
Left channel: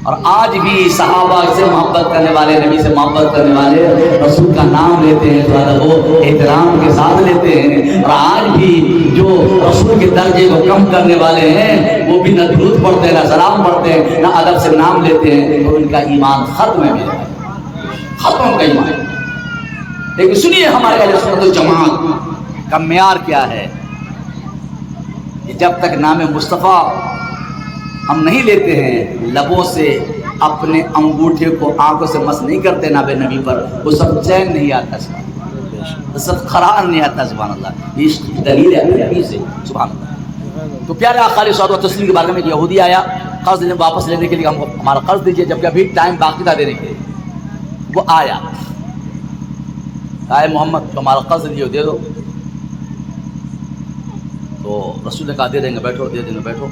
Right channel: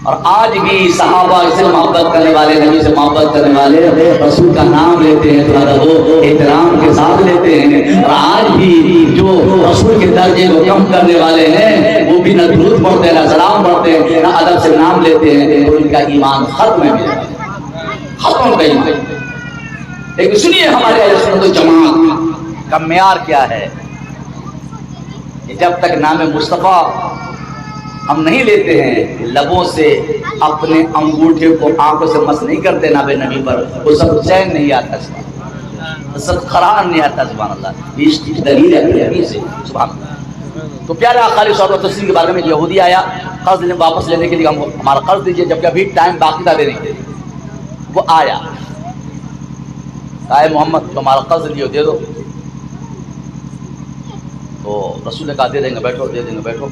اور آج بھی صحابہ سے محبت کرنے والے، نبی سے محبت کرنے والے رسول کا نام لیتے ہیں، تھوڑا وہ احترام کے ساتھ لیتے ہیں. اور آج بھی جو رسول کے درجے کو کم کرنے والے ہیں وہ بھی نہ درود پڑھتے ہیں، نہ سلام پڑھتے ہیں، نہ ادب سے نام لیتے ہیں، اور ان کا ایمان ختم ہے، ختم ان کا ایمان. لیکن سنیے ہمارے اہل سنت والجماعت کا معیار کیا ہے کہ جب تک نام مصطفیٰ ہم نہیں لیتے ہیں، لبوں سے اپنے انگوٹھے کو آنکھوں سے مس نہیں کرتے نام نبی پر، وہ سب چین نہیں آتا، سبحان اللہ، سب قرار نہیں آتا. سبحان اللہ، یہ عشق کی دلیل ہے نبی سے. سبحان اللہ. تو پیارے آقا علیہ الصلوۃ والتسلیم کے بارے میں یہودی آیا قرض واپس لینے کے لیے، ہم ہمارا قرض دیجیے، جبکہ ابھی ٹائم باقی تھا دینے کے لیے. وہ آیا، اے محمد تو ہمارا قرض لیو، دے دو. تو رسول نے کہا دے دیں گے، بیٹھو، دے دیں گے، بیٹھو.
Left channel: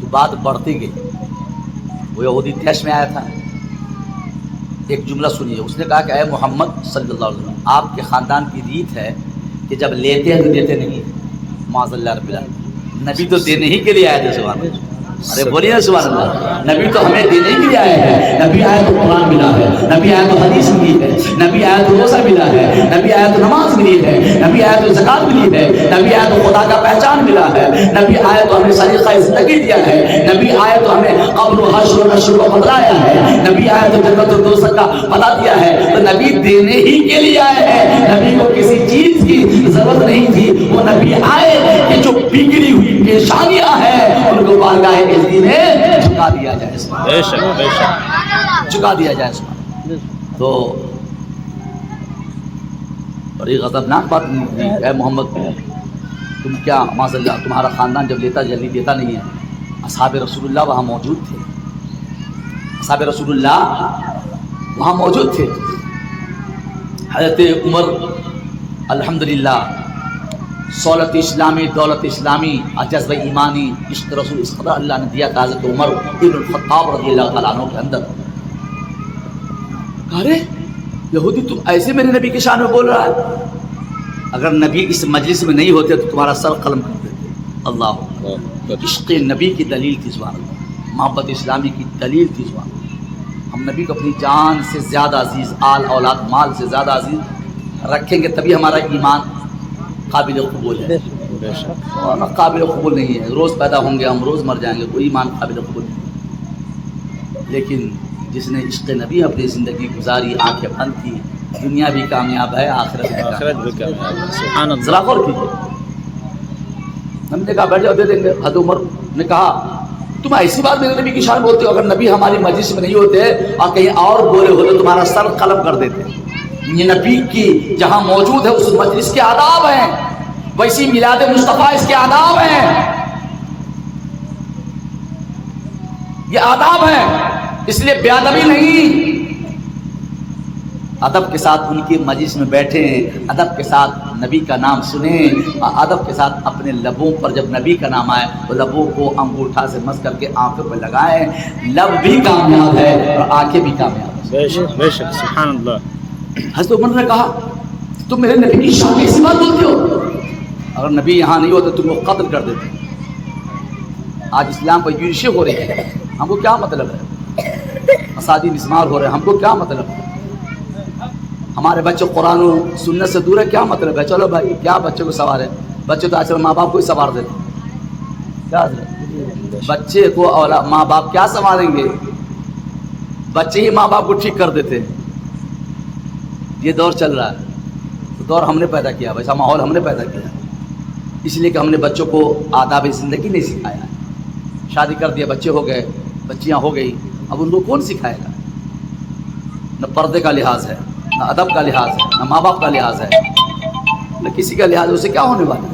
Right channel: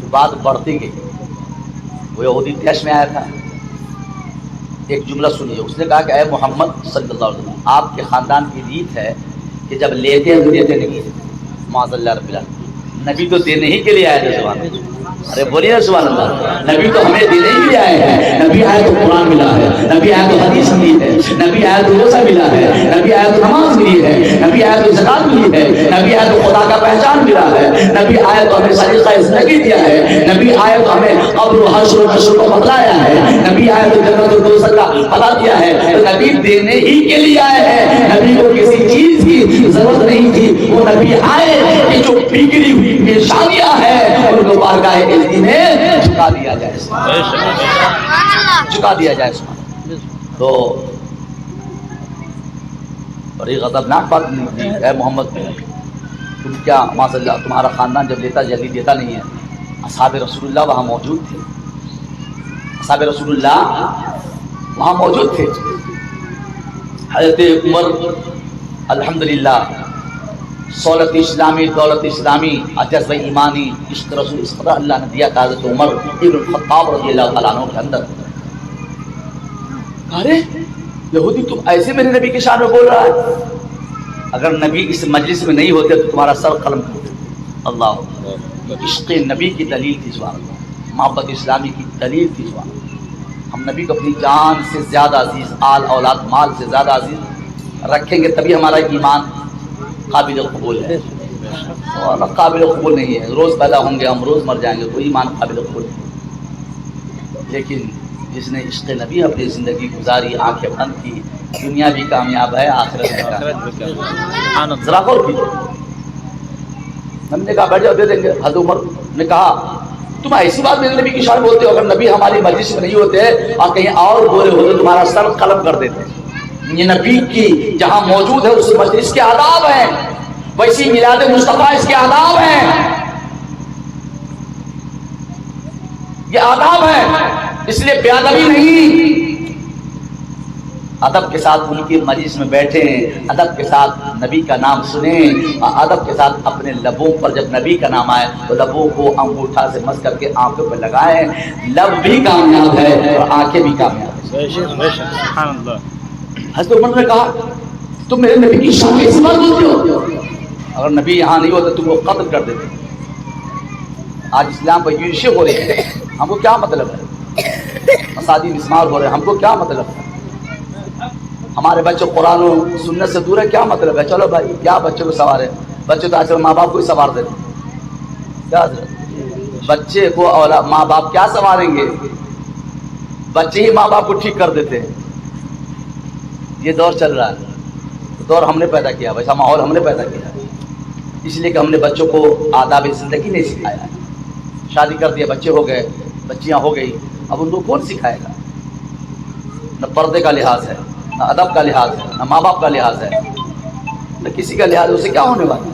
تو بات بڑھتی گئی. وہ یہودی تیش میں آیا تھا. ایک جملہ سنیے، اس نے کہا کہ اے محمد صلی اللہ علیہ وسلم، آپ کے خاندان کی ریت ہے کہ جب لیتے ہیں تو دیتے نہیں. معاذ اللہ رب العالمین، نبی تو دینے ہی کے لیے آئے تھے. سبحان اللہ. ارے بولیے سبحان اللہ. نبی تو ہمیں دینے ہی کے لیے آئے ہیں. نبی آئے تو قرآن ملا ہے، نبی آئے تو حدیث ملی ہے، نبی آئے تو روزہ ملا ہے، نبی آئے تو نماز ملی ہے، نبی آئے تو زکات ملی ہے، نبی آئے تو خدا کا پہچان ملا ہے، نبی آئے تو ہمیں سلیقہ زندگی دیا ہے، نبی آئے تو ہمیں قبر و حشر و نشر کو بتلایا ہے، نبی آئے تو جنت و دوزخ کا پتہ دیا ہے. تو نبی دینے ہی کے لیے آئے ہیں. نبی کو کسی چیز کی ضرورت نہیں تھی. وہ نبی آئے کہ جو بگڑی ہوئی نشانیاں ہیں ان کو بارگاہ عزت میں جھکا دیا جائے، جھکا دیا جائے. تو بڑی غضبناک بات نہیں. اے محمد تم کیا معاذ اللہ، تمہارا خاندان جب لیتا جلدی دیتا نہیں ہے. اصحاب رسول اللہ وہاں موجود تھے، اصحاب رسول اللہ وہاں موجود تھے. حضرت عمر الحمدللہ سولت اسلامی، دولت اسلامی، جذبہ ایمانی، عشق رسول، اس قدر اللہ نے دیا کہ حضرت عمر ابن الخطاب رضی اللہ تعالیٰ عنہ کے اندر ارے یہودی تم ایسے میرے نبی کے شان میں بول رہا ہے. اگر نبی اس مجلس میں نہیں ہوتے تو تمہارا سر قلم کر دیتے. اللہ اکبر. عشق نبی کی دلیل تھی سبحان اللہ، محبت اسلامی کی دلیل تھی سبحان اللہ. ہم نبی کو اپنی جان سے زیادہ عزیز، آل اولاد مال سے زیادہ عزیز رکھیں گے تبھی ہمارا ایمان قابل قبول ہے. اور قابل قبول نہیں ہے، روز پیدا ہوں گے ہم، روز مر جائیں گے، کوئی ایمان قابل قبول نہیں. لیکن جس نے عشق نبی اپنی زندگی گزاری، آنکھیں بند کی، دنیا بھی کامیاب ہے، آخرت بھی کامیاب. ذرا غور کیجیے. ہم نے کہا بیٹھ جاؤ، دے دیں گے. حضرت عمر نے کہا تم ایسی بات میرے نبی کی شان بولتے ہو، اگر نبی ہماری مجلس میں نہیں ہوتے اور کہیں اور بولے ہوتے تمہارا سر قلم کر دیتے. یہ نبی کی جہاں موجود ہے اس مجلس کے آداب ہیں، ویسی میلاد مصطفیٰ اس کے آداب ہیں، یہ آداب ہیں. اس لیے بے ادبی نہیں، ادب کے ساتھ ان کی مجلس میں بیٹھیں، ادب کے ساتھ نبی کا نام سنیں، اور ادب کے ساتھ اپنے لبوں پر جب نبی کا نام آئے تو لبوں کو انگوٹھا سے مس کر کے آنکھوں پہ لگائیں. لب بھی کامیاب ہے اور آنکھیں بھی کامیاب ہے. بے شک بے شک سبحان اللہ. حضرت عمر نے کہا تم میرے نبی کی شان میں ایسی بات بولتے ہو؟ اگر نبی یہاں نہیں ہوتا تم کو قتل کر دیتے. آج اسلام پر یورشیں ہو رہے ہیں، ہم کو کیا مطلب ہے؟ مساجد مسمار ہو رہے ہیں، ہم کو کیا مطلب ہے؟ ہمارے بچے قرآن و سنت سے دور ہے، کیا مطلب ہے؟ چلو بھائی کیا بچوں کو سوارے، بچے تو آج کل ماں باپ کو ہی سوار دیتے کیا حضرت؟ بچے کو ماں باپ کیا سنواریں گے؟ بچے ہی ماں باپ کو ٹھیک کر دیتے ہیں. یہ دور چل رہا ہے، تو دور ہم نے پیدا کیا، ویسا ماحول ہم نے پیدا کیا ہے. اس لیے کہ ہم نے بچوں کو آداب زندگی نہیں سکھایا ہے. شادی کر دیا، بچے ہو گئے، بچیاں ہو گئی، اب ان کو کون سکھائے گا؟ نہ پردے کا لحاظ ہے، نہ ادب کا لحاظ ہے، نہ ماں باپ کا لحاظ ہے، نہ کسی کا لحاظ ہے. اسے کیا ہونے والا ہے؟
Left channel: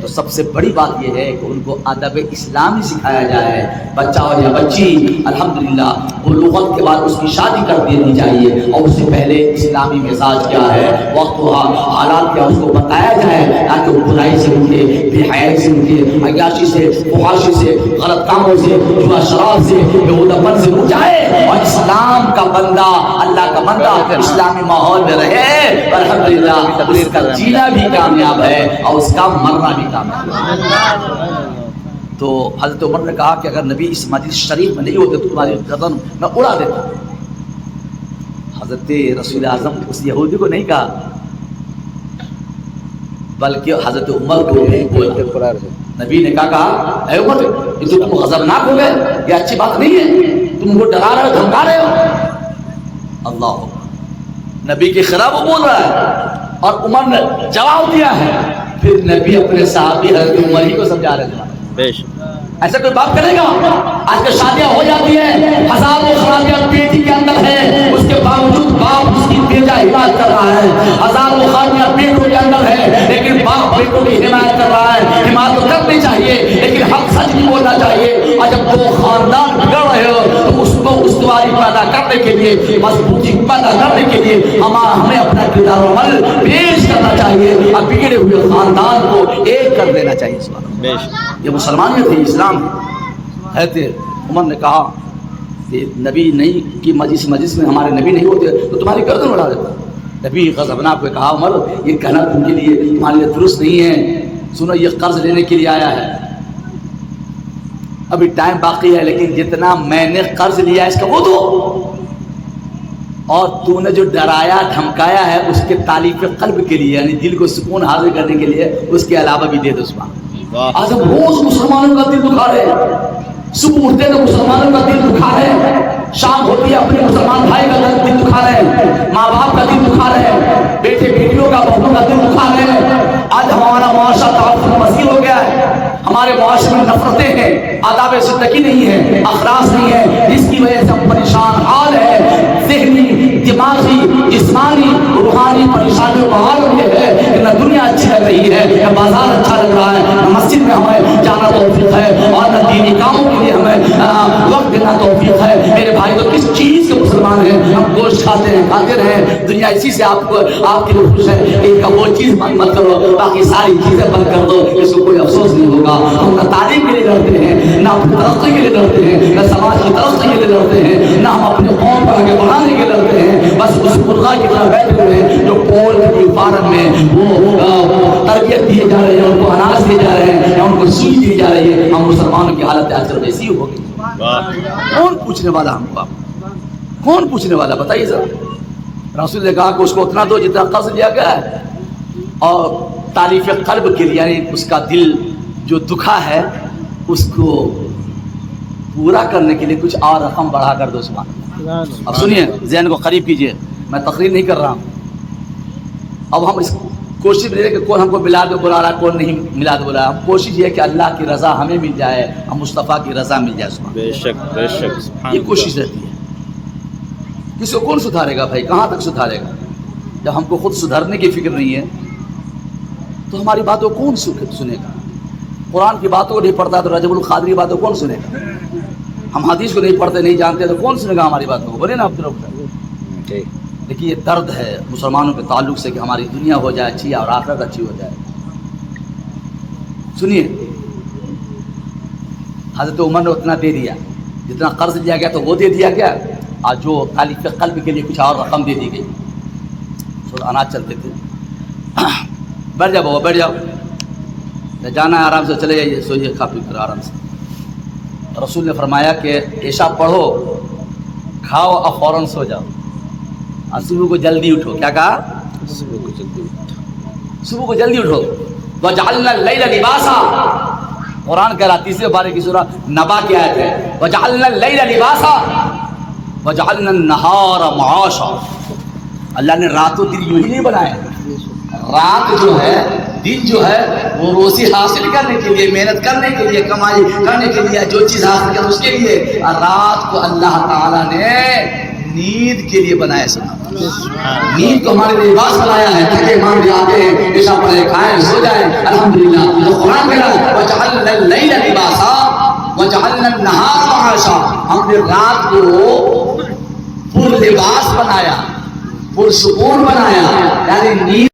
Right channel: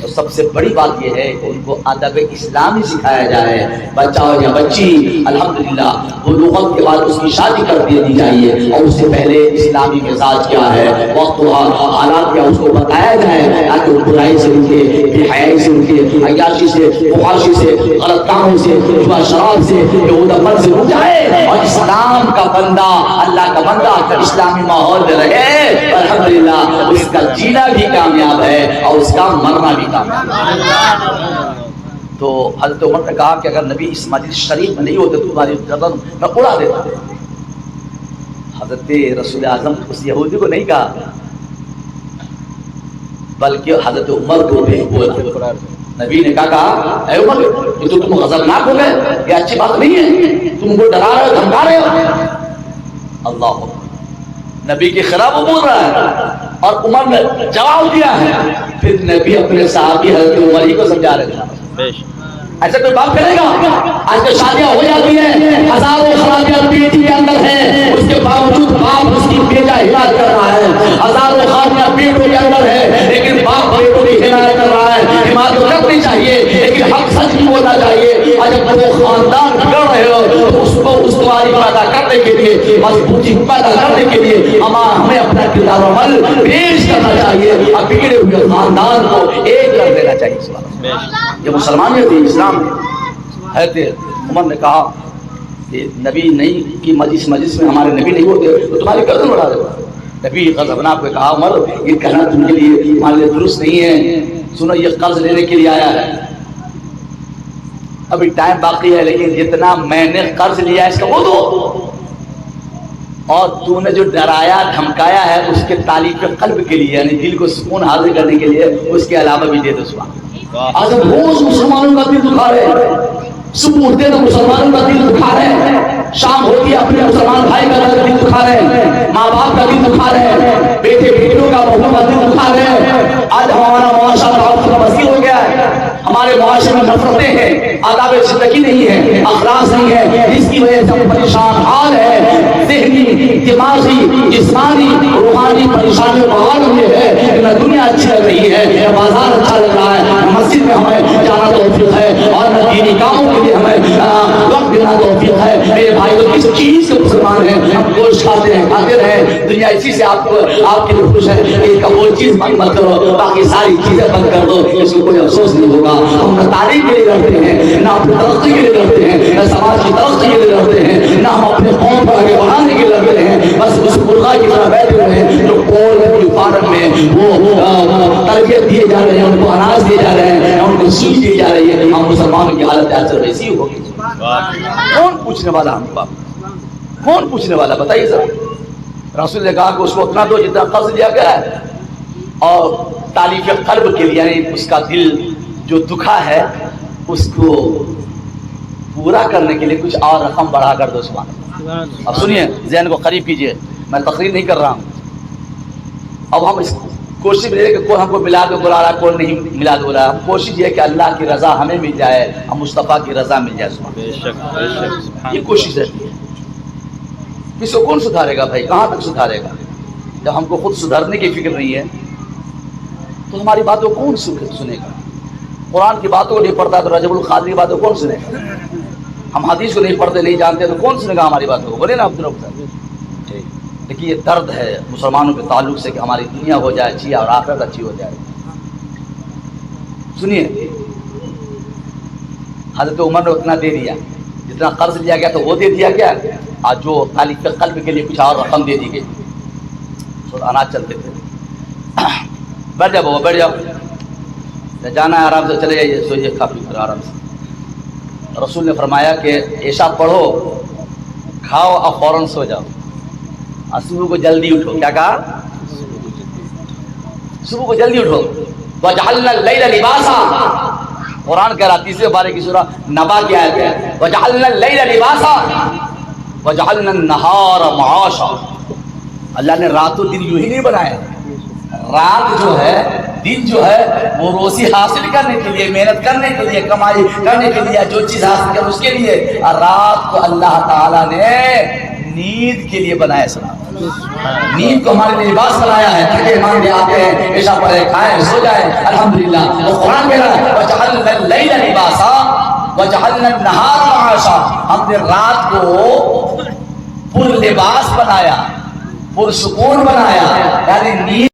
تو سب سے بڑی بات یہ ہے کہ ان کو ادب اسلامی سکھایا جائے. بچہ ہو یا بچی الحمدللہ بلوغت کے بعد اس کی شادی کر دینی چاہیے، اور اس سے پہلے اسلامی مزاج کیا ہے، وقت و حالات کیا، اس کو بتایا جائے تاکہ وہ برائی سے رکے، بے حیائی سے رکے، عیاشی سے، فحاشی سے، غلط کاموں سے، جوا شراب سے، بےہودپن سے رک جائے، اور اسلام کا بندہ، اللہ کا بندہ اسلامی ماحول میں رہے. الحمدللہ اس کا جینا بھی کامیاب ہے اور اس کا مرنا بھی کامیاب ہے. تو حضرت عمر نے کہا کہ اگر نبی اس مجلس شریف میں نہیں ہوتے تو تمہاری گردن میں اڑا دیتا. حضرت رسول اعظم اس یہودی کو نہیں کہا، بلکہ حضرت عمر کو نہیں بولا. نبی نے کہا اے عمر یہ تو تم غضبناک ہو گئے، یہ اچھی بات نہیں ہے، تم کو ڈرا رہے ہو، دھمکا رہے ہو. اللہ نبی کے خلاف وہ بول رہا ہے اور عمر نے جواب دیا ہے. پھر نبی اپنے صحابی حضرت عمر ہی کو سمجھا رہے تھے. ایسا کوئی بات کرے گا؟ آج کے شادیاں ہو جاتی ہیں، ہزاروں خرابیاں پیٹی کے اندر ہیں، اس کے باوجود باپ اس کی بیٹا حمایت کر رہا ہے. ہزاروں خرابیاں پیٹوں کے اندر ہیں لیکن باپ بیٹوں کی حمایت کر رہا ہے. حمایت تو کرنی چاہیے لیکن حق سچ بھی بولنا چاہیے. اور جب دو خاندان بگڑ رہے ہو تو اس کو استواری پیدا کرنے کے لیے، مضبوطی پیدا کرنے کے لیے ہمیں اپنا کردار و عمل پیش کرنا چاہیے اور بگڑے ہوئے خاندان کو ایک کر دینا چاہیے. یہ مسلمانیت ہے، اسلام ہے. عمر نے کہا کہ نبی نہیں کی مجلس میں ہمارے نبی نہیں ہوتے تو تمہاری گردن اڑا دیتا. نبی غضبناک کو کہا عمر یہ کہنا تم کے لیے تمہارے لیے درست نہیں ہے. سنو یہ قرض لینے کے لیے آیا ہے، ابھی ٹائم باقی ہے، لیکن جتنا میں نے قرض لیا اس کا وہ دو، اور تو نے جو ڈرایا دھمکایا ہے اس کے تعلیق قلب کے لیے، یعنی دل کو سکون حاصل کرنے کے لیے اس کے علاوہ بھی دے دو. آج ہم روز مسلمانوں کا دل دکھا رہے ہیں، صبح اٹھتے تو مسلمانوں کا دل دکھا رہے ہیں، شام ہوتی ہے اپنے مسلمان بھائی کا دل دکھا رہے ہیں، ماں باپ کا دل دکھا رہے ہیں، بیٹے بیٹیوں کا بہنوں کا دل دکھا رہے ہیں. آج ہمارا معاشرہ تعفن پذیر ہو گیا ہے، ہمارے معاشرے میں نفرتیں ہیں، آداب زندگی نہیں ہے، اخلاق نہیں ہے، جس کی وجہ سے ہم پریشان حال ہیں. ذہنی، دماغی، جسمانی، روحانی پریشانیوں کا حال یہ ہے کہ نہ دنیا اچھی لگ رہی ہے، نہ بازار اچھا لگ رہا ہے، نہ مسجد میں ہمیں جانا توفیق ہے، اور نہ دینی کاموں کے لیے ہمیں وقت دینا توفیق ہے. میرے بھائی تو کس چیز سے مسلمان ہیں؟ ہم گوشت کھاتے ہیں، کھاتے رہے، دنیا اسی سے آپ کے لیے خوش ہے. ان کا کوئی چیز مت کرو، باقی ساری چیزیں بند کر دو، اس کو کوئی افسوس نہیں ہوگا. ہم نہ تعلیم کے لیے لڑتے ہیں، نہ اپنی ترقی کے لیے لڑتے ہیں، نہ سماج کی ترقی کے لیے لڑتے ہیں، نہ ہم اپنے قوم کو آگے بڑھانے کے لیے لڑتے ہیں. بس اس مرغا کی طرح بیٹھے ہوئے ہیں جو پول کی فارم میں وہ تربیت دیے جا رہے ہیں، ان کو اناج دیے جا رہے ہیں، ان کو سوئی دی جا رہی ہے. ہم مسلمانوں کی حالت اکثر ویسی ہی ہوگی. کون پوچھنے والا ہم کو؟ کون پوچھنے والا بتائیے ذرا. رسول نے کہا کہ اس کو اتنا دو جتنا قرض لیا گیا ہے، اور تالیف قلب کے لیے یعنی اس کا دل جو دکھا ہے اس کو پورا کرنے کے لیے کچھ اور رقم بڑھا کر دو. سبحان اللہ. اب سنیے، ذہن کو قریب کیجئے، میں تقریر نہیں کر رہا ہوں. اب ہم اس کوشش میں کہ کون ہم کو ملا کے بلا رہا ہے، کون نہیں ملا کے بلا. ہم کوشش یہ کہ اللہ کی رضا ہمیں مل جائے، ہم مصطفیٰ کی رضا مل جائے. بے شک بے شک، یہ کوشش رہتی ہے. کس کو کون سدھارے گا بھائی؟ کہاں تک سدھارے گا؟ جب ہم کو خود سدھرنے کی فکر نہیں ہے تو ہماری باتوں کون سنے گا؟ قرآن کی باتوں کو نہیں پڑھتا تو رجب القادری کی باتوں کون سنے گا؟ ہم حدیث کو نہیں پڑھتے نہیں جانتے تو کون سنے گا ہماری باتوں کو؟ بولے نا عبد الرحمن. لیکن یہ درد ہے مسلمانوں کے تعلق سے کہ ہماری دنیا ہو جائے اچھی اور آخرت اچھی ہو جائے. سنیے، حضرت عمر نے اتنا دے دیا، جتنا قرض لیا گیا تو وہ دے دیا گیا، جو تالیف قلب کے لیے کچھ اور رقم دے دی گئی. سورہ اناج چلتے تھے. بیٹھ جاؤ بابا بیٹھ جاؤ, جانا ہے آرام سے چلے جائیے, سوئیے کھا پی کر آرام سے. رسول نے فرمایا کہ عشاء پڑھو, کھاؤ اور فوراً سو جاؤ, اور صبح کو جلدی اٹھو. کیا کہا؟ صبح کو جلدی اٹھو. وَجَعَلْنَا اللَّيْلَ لِبَاسًا, قرآن کہہ رہا تیسرے بارے کی سورہ نبا کی آیت ہے. وَجَعَلْنَا اللَّيْلَ لِبَاسًا وَجَعَلْنَا النَّهَارَ مَعَاشًا. اللہ نے رات و دن یوں ہی نہیں بنایا. رات جو ہے, دن جو ہے, وہ روزی حاصل کرنے کے لیے, محنت کرنے کے لیے, کمائی کرنے کے لیے, جو چیز حاصل کر اس کے لیے. اور رات کو اللہ تعالیٰ نے نیند کے لیے بنایا. نیند کو ہمارے لیے لباس بنایا ہے, تھکے مانگے آتے ہیں, پیشہ پڑے, کھائیں, سو جائیں. الحمدللہ. تو قرآن کہہ رہا ہے وَجَعَلْنَا اللَّيْلَ لِبَاسًا وَجَعَلْنَا النَّهَارَ مَعَاشًا. ہم نے رات کو پر لباس بنایا, پر سکون بنایا, یعنی نیند